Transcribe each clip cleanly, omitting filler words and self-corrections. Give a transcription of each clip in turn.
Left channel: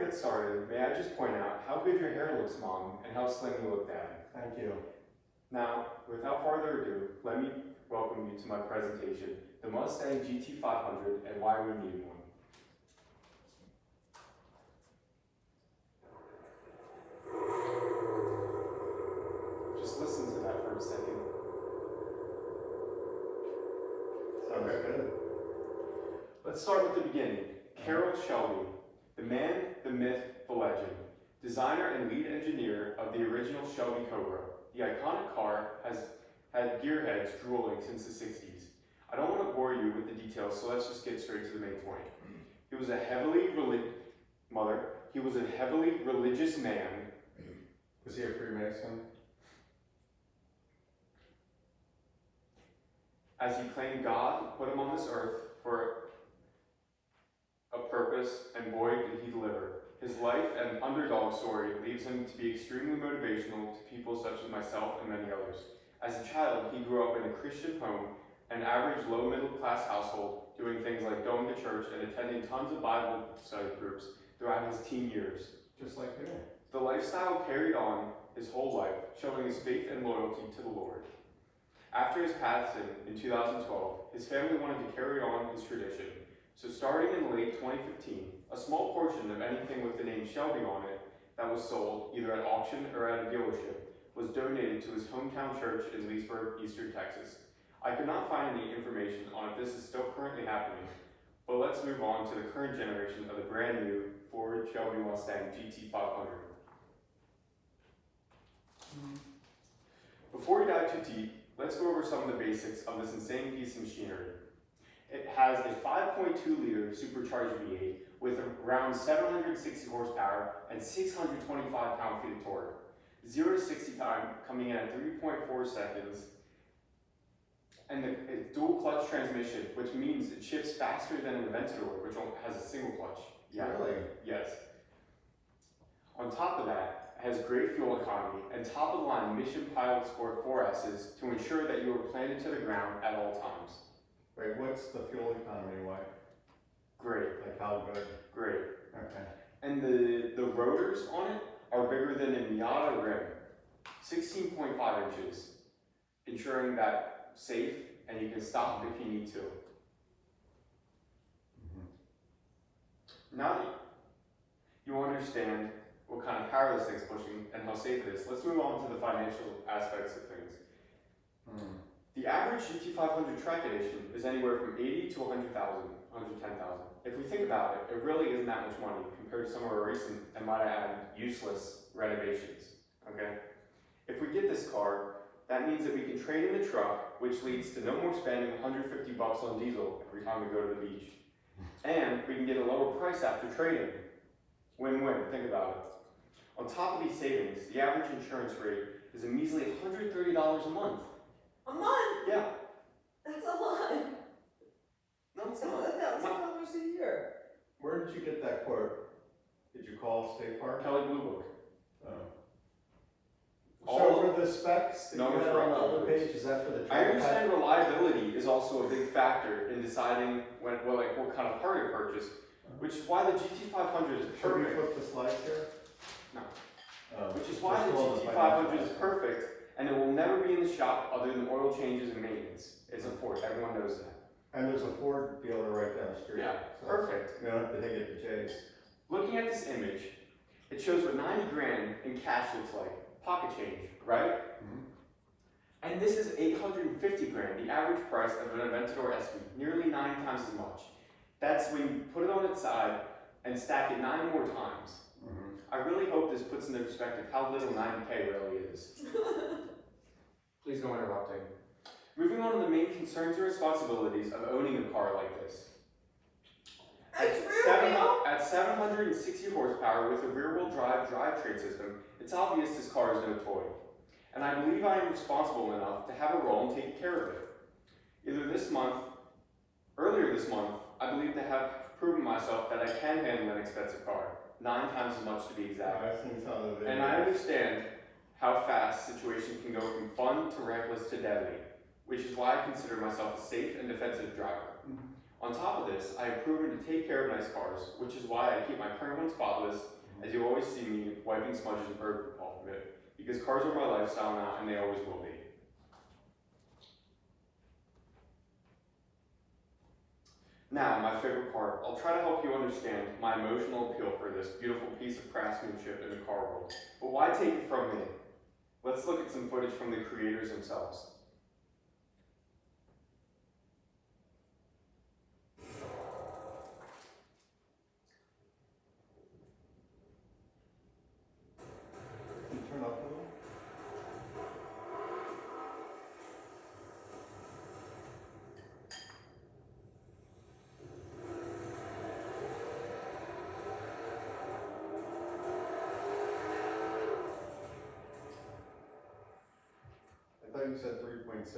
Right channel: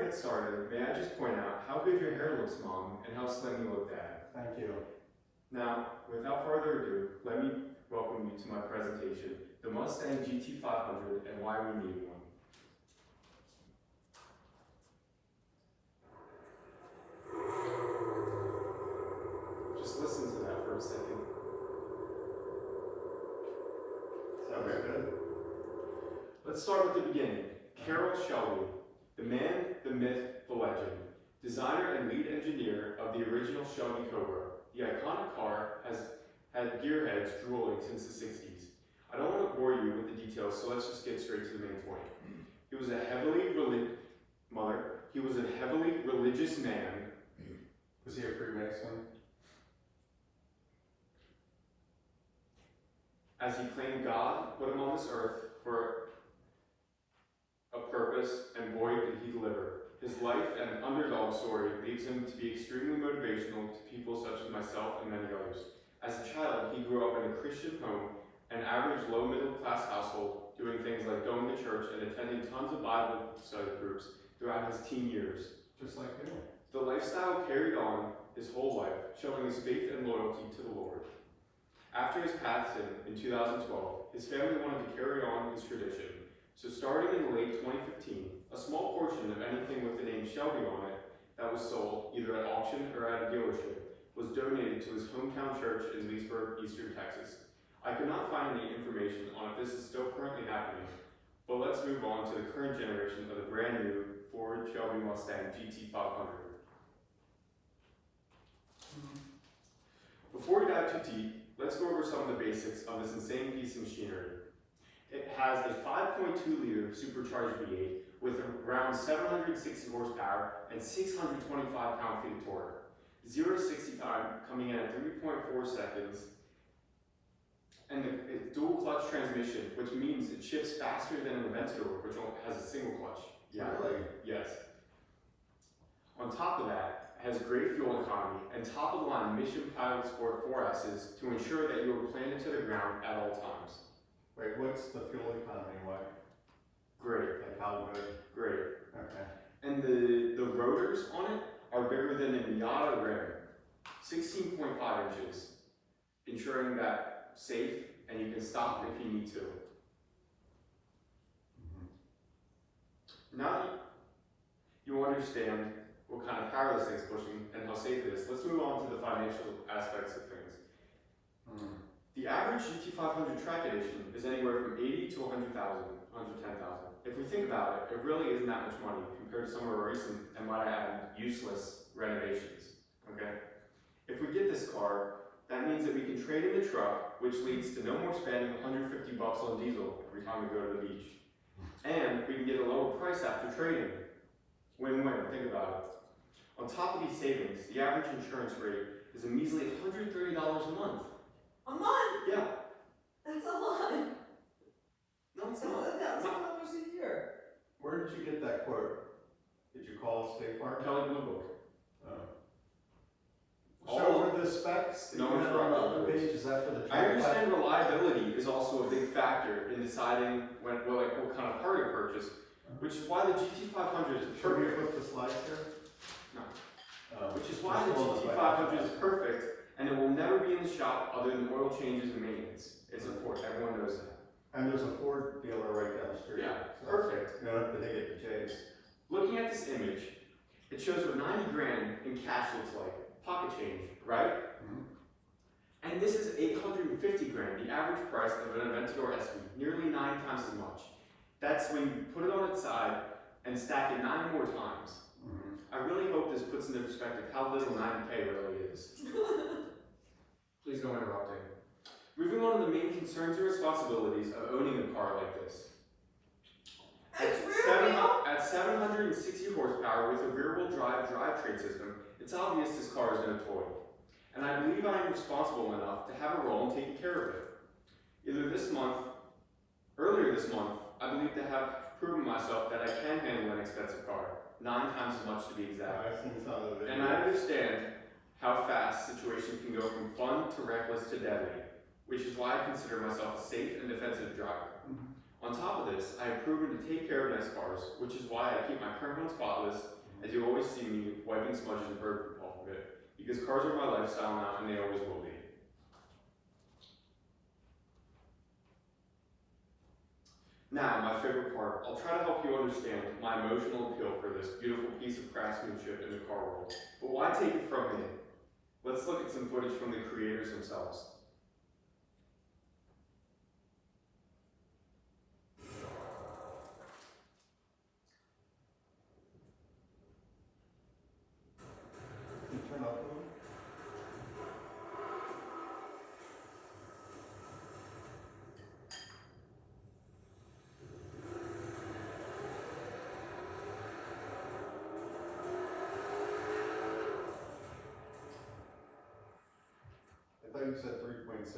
get started, may I just point out how good your hair looks, Mom, and how slim you look, Dad. Thank you. Now, without further ado, let me welcome you to my presentation, the Mustang Gt500 and why we need one. Just listen to that for a second. Sounds good. Let's start with the beginning. Carroll Shelby, the man, the myth, the legend, designer and lead engineer of the original Shelby Cobra. The iconic car has had gearheads drooling since the 60s. I don't want to bore you with the details, so let's just get straight to the main point. He was a heavily religious man. Was he a Freemason? As he claimed God put him on this earth for a purpose, and boy did he deliver. His life and underdog story leaves him to be extremely motivational to people such as myself and many others. As a child, he grew up in a Christian home, an average low-middle-class household, doing things like going to church and attending tons of Bible study groups throughout his teen years. Just like you. The lifestyle carried on his whole life, showing his faith and loyalty to the Lord. After his passing in 2012, his family wanted to carry on his tradition. So starting in late 2015, a small portion of anything with the name Shelby on it that was sold, either at auction or at a dealership, was donated to his hometown church in Leesburg, Eastern Texas. I could not find any information on if this is still currently happening, but let's move on to the current generation of the brand new Ford Shelby Mustang Gt500. Before we dive too deep, let's go over some of the basics of this insane piece of machinery. It has a 5.2-liter supercharged V8 with around 760 horsepower and 625 pound-feet of torque. 0 to 60 time coming in at 3.4 seconds. And it's dual clutch transmission, which means it shifts faster than an Aventador, which only has a single clutch. Yeah. Really? Yes. On top of that, it has great fuel economy and top-of-the-line Mission Pilot Sport 4S's to ensure that you are planted to the ground at all times. Wait, what's the fuel economy like? Great. Like how good? Great. Okay. And the rotors on it are bigger than a Miata rim, 16.5 inches, ensuring that safe and you can stop if you need to. Now that you understand what kind of power this thing's pushing and how safe it is, let's move on to the financial aspects of things. The average Gt500 track edition is anywhere from $80,000 to $100,000, $110,000. If we think about it, it really isn't that much money compared to some of our recent, and might I add, useless renovations, okay? If we get this car, that means that we can trade in the truck, which leads to no more spending $150 on diesel every time we go to the beach. And we can get a lower price after trading. Win-win, think about it. On top of these savings, the average insurance rate is a measly $130 a month. A month? Yeah. That's a lot. No, it's That's not. $1,000 a year. Where did you get that quote? Did you call State Farm? Kelley Blue Book. So for the specs that No, you it's had on the wrong. other page, is that for the I track? understand reliability is also a big factor in deciding what kind of part to purchase, which is why the Gt500 is Should we perfect. flip the slides here? No. Oh, Which is why the just on Gt500 is financial perfect, and it will never be in the shop other than oil changes and maintenance. It's a Ford, everyone knows that. And there's a Ford dealer right down the street. Yeah, so perfect. You don't have to take it to Jay's. Looking at this image, it shows what 90 grand in cash looks like. Pocket change, right? And this is 850 grand, the average price of an Aventador SV, nearly 9 times as much. That's when you put it on its side and stack it 9 more times. I really hope this puts into perspective how little 90K really is. Please no interrupting. Moving on to the main concerns and responsibilities of owning a car like this. It's rear wheel? At 760 horsepower with a rear-wheel drive drivetrain system, it's obvious this car is no toy. And I believe I am responsible enough to have a role in taking care of it. Earlier this month, I believe to have proven myself that I can handle an expensive car, 9 times as much to be exact. I've seen some of the videos. And I understand how fast situations can go from fun to reckless to deadly, which is why I consider myself a safe and defensive driver. On top of this, I have proven to take care of nice cars, which is why I keep my current one spotless, as you always see me wiping smudges and bird poop off of it, because cars are my lifestyle now and they always will be. Now, my favorite part, I'll try to help you understand my emotional appeal for this beautiful piece of craftsmanship in the car world. But why take it from me? Let's look at some footage from the creators themselves. Can you turn off the little? I thought you said 3.6.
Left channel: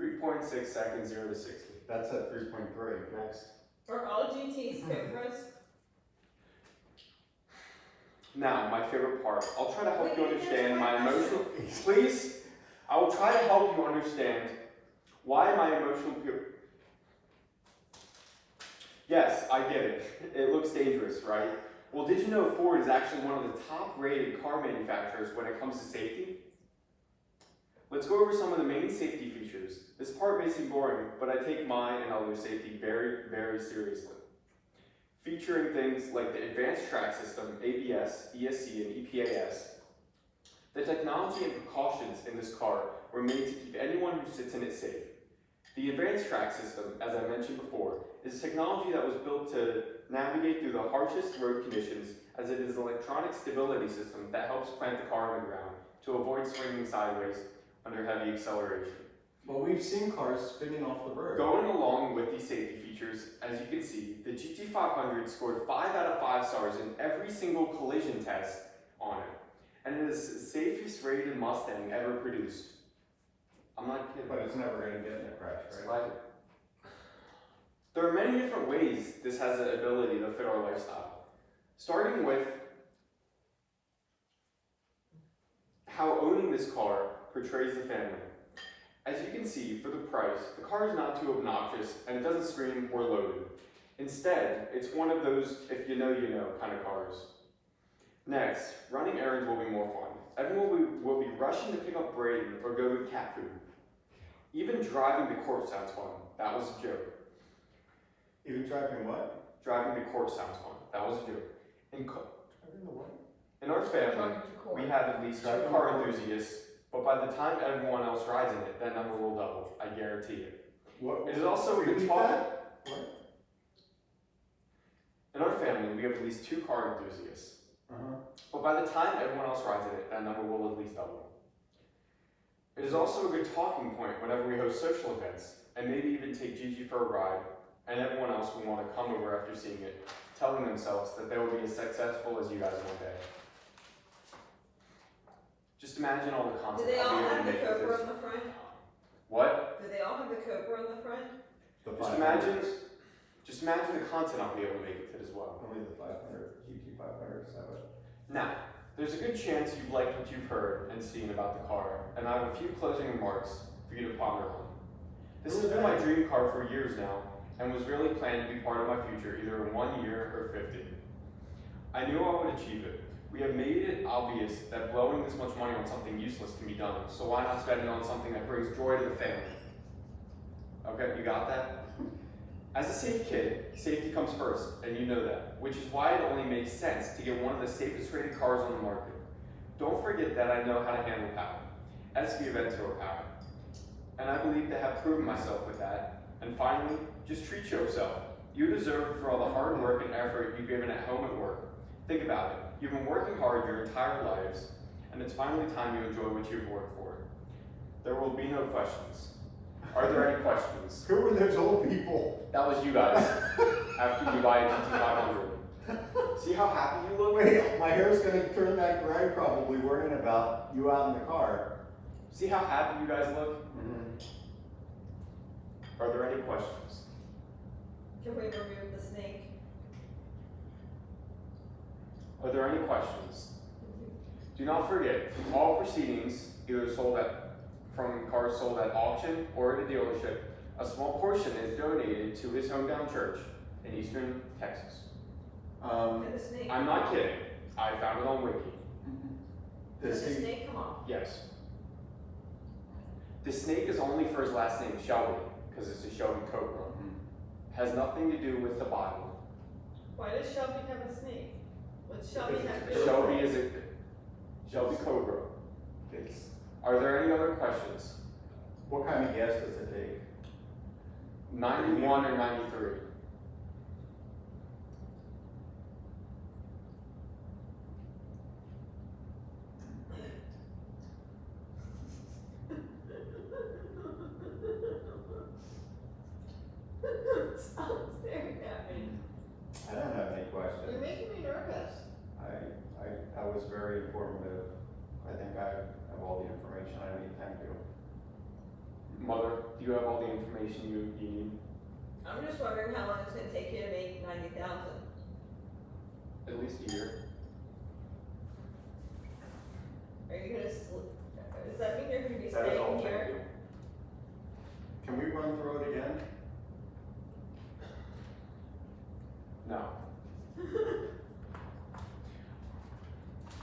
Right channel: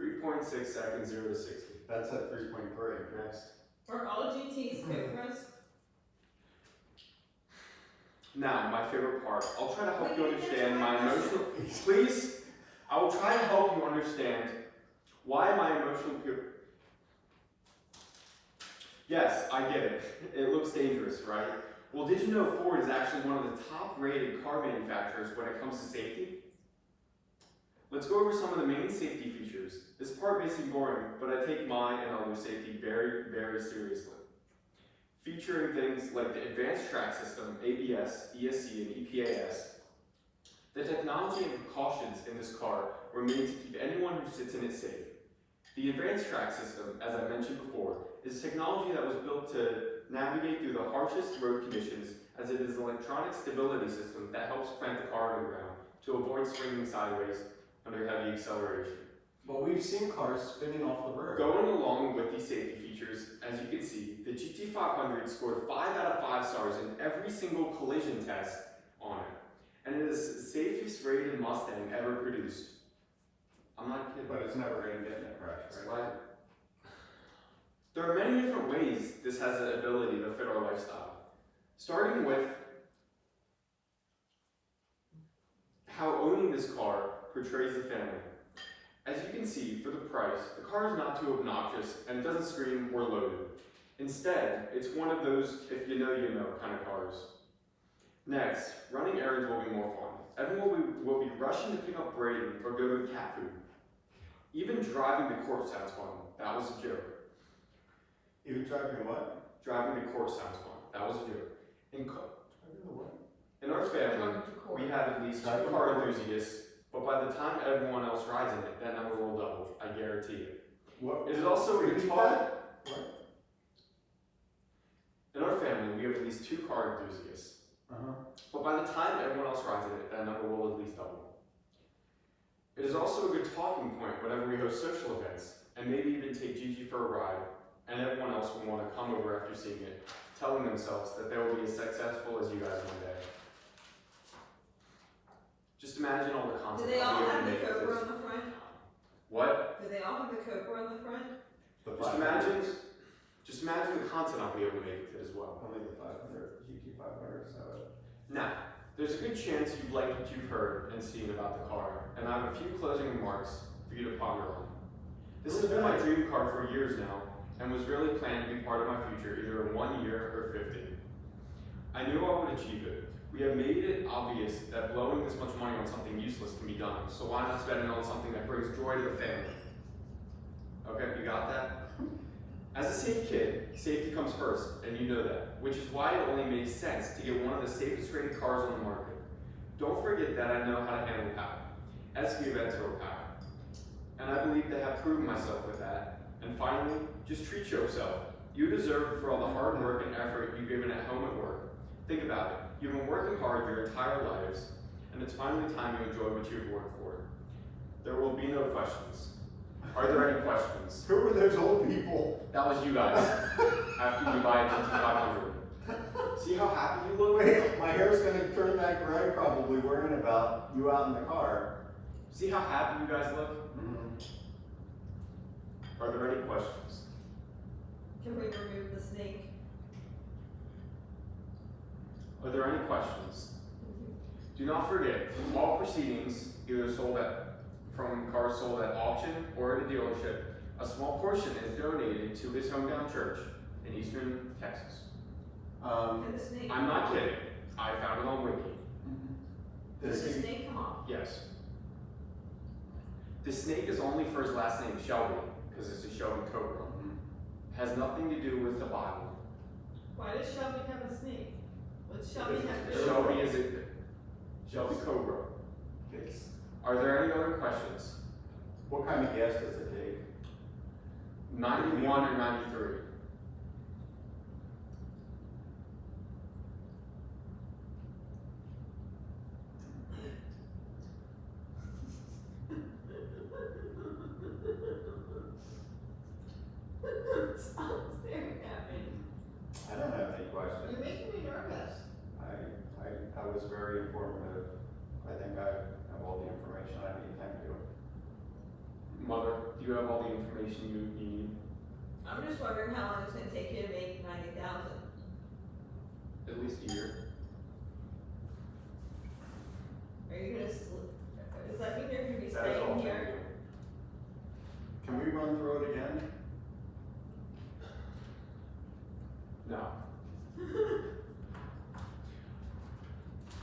3.6 seconds, 0 to 60. That's at 3.3. Next. Are all GTs Cobras? Now, my favorite part. I'll try to help Wait, you you didn't understand answer my my emotional... Please, I will try to help you understand why my emotional appeal... Yes, I get it. It looks dangerous, right? Well, did you know Ford is actually one of the top-rated car manufacturers when it comes to safety? Let's go over some of the main safety features. This part may seem boring, but I take mine and others' safety very, very seriously. Featuring things like the advanced track system, ABS, ESC, and EPAS. The technology and precautions in this car were made to keep anyone who sits in it safe. The advanced track system, as I mentioned before, is technology that was built to navigate through the harshest road conditions, as it is an electronic stability system that helps plant the car on the ground to avoid swinging sideways under heavy acceleration. But we've seen cars spinning off the road. Going along with these safety features, as you can see, the Gt500 scored 5 out of 5 stars in every single collision test on it. And it is the safest rated Mustang ever produced. I'm not kidding. But it's never going to get in a crash, right? Right. There are many different ways this has the ability to fit our lifestyle. Starting with how owning this car portrays the family. As you can see, for the price, the car is not too obnoxious and it doesn't scream or loaded. Instead, it's one of those if you know kind of cars. Next, running errands will be more fun. Everyone will be rushing to pick up Braden or go to cat food. Even driving to court sounds fun. That was a joke. Even driving what? Driving to court sounds fun. That was a joke. Driving the what? In our family, Driving to court. we have at least 2 Driving car to court. enthusiasts, but by the time everyone else rides in it, that number will double. I guarantee it. What? It is also a good Repeat talk. that? What? In our family, we have at least 2 car enthusiasts, Uh-huh. but by the time everyone else rides in it, that number will at least double. It is also a good talking point whenever we host social events, and maybe even take Gigi for a ride, and everyone else will want to come over after seeing it, telling themselves that they will be as successful as you guys one day. Just imagine all the Do content they I'll all be able have to the make with Cobra this. on the front? What? Do they all have the Cobra on the front? The Just 500s. Just imagine the content I'll be able to make with it as well. Only the 500, GT500s have it. Now, there's a good chance you've liked what you've heard and seen about the car, and I have a few closing remarks for you to ponder on. This has been my dream car for years now, and was really planned to be part of my future either in 1 year or 50. I knew I would achieve it. We have made it obvious that blowing this much money on something useless can be done, so why not spend it on something that brings joy to the family? Okay, you got that? As a safe kid, safety comes first, and you know that, which is why it only makes sense to get one of the safest rated cars on the market. Don't forget that I know how to handle power, SV events or power, and I believe to have proven myself with that. And finally, just treat yourself. You deserve it for all the hard work and effort you've given at home and work. Think about it. You've been working hard your entire lives, and it's finally time you enjoy what you've worked for. There will be no questions. Are there any questions? Who were those old people? That was you guys, after you buy a Gt500. See how happy you look? Wait, my hair's gonna turn that gray probably worrying about you out in the car. See how happy you guys look? Mm-hmm. Are there any questions? Can we remove the snake? Are there any questions? Do not forget, all proceedings, either from cars sold at auction or at a dealership, A small portion is donated to his hometown church in eastern Texas. And the snake. I'm not kidding. I found it on Wiki. Did Does the he, snake come off? Yes. The snake is only for his last name, Shelby, because it's a Shelby Cobra. Has nothing to do with the Bible. Why does Shelby have a snake? What's Shelby Because have it's to do? Shelby is a Shelby Cobra. it's, Are there any other questions? what kind of gas does it take? 91 or 93? Stop staring at me. I don't have any questions. You're making me nervous. I was very informative. I think I have all the information I need, thank you. Mother, do you have all the information you need? I'm just wondering how long it's gonna take you to make 90,000. At least a year. Are you gonna does that mean you're gonna be That is all, staying thank here? you. Can we run through it again? No.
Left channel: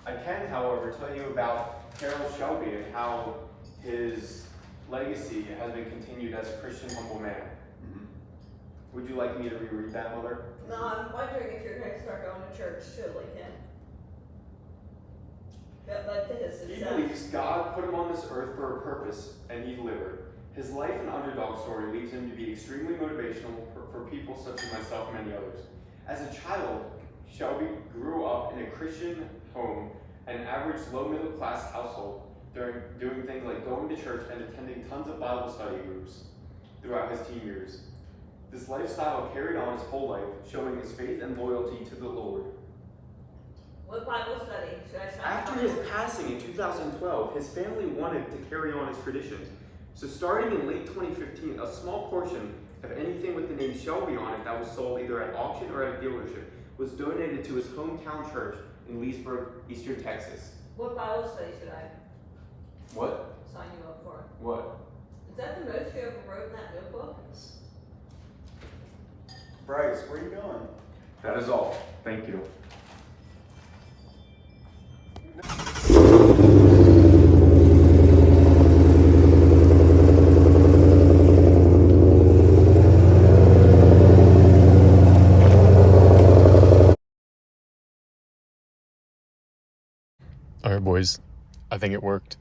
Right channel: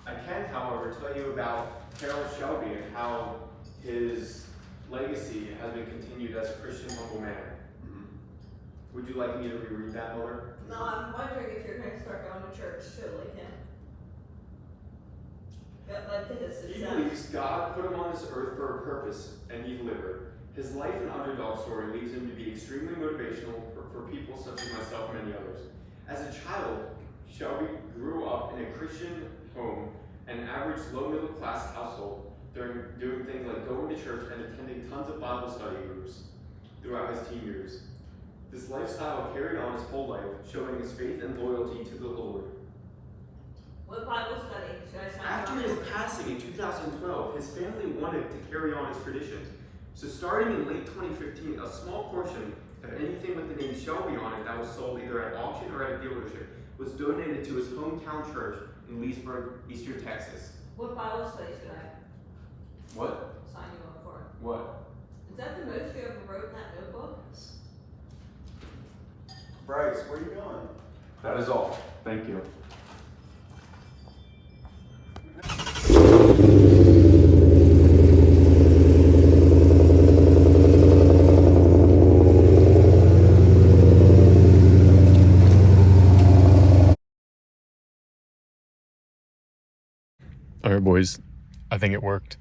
I can, however, tell you about Carol Shelby and how his legacy has been continued as a Christian humble man. Would you like me to reread that, Mother? No, I'm wondering if you're gonna start going to church too, like him. That led to his He success. believes God put him on this earth for a purpose, and he delivered. His life and underdog story leads him to be extremely motivational for people such as myself and many others. As a child, Shelby grew up in a Christian home, an average low-middle class household, doing things like going to church and attending tons of Bible study groups throughout his teen years. This lifestyle carried on his whole life, showing his faith and loyalty to the Lord. What Bible study should I sign After up his for? passing in 2012, his family wanted to carry on his traditions. So starting in late 2015, a small portion of anything with the name Shelby on it that was sold either at auction or at a dealership was donated to his hometown church in Leesburg, eastern Texas. What Bible study should I What? sign you up for? What? Is that the most you ever wrote in that notebook? Bryce, where are you going? That is all. Thank you. All right, boys. I think it worked.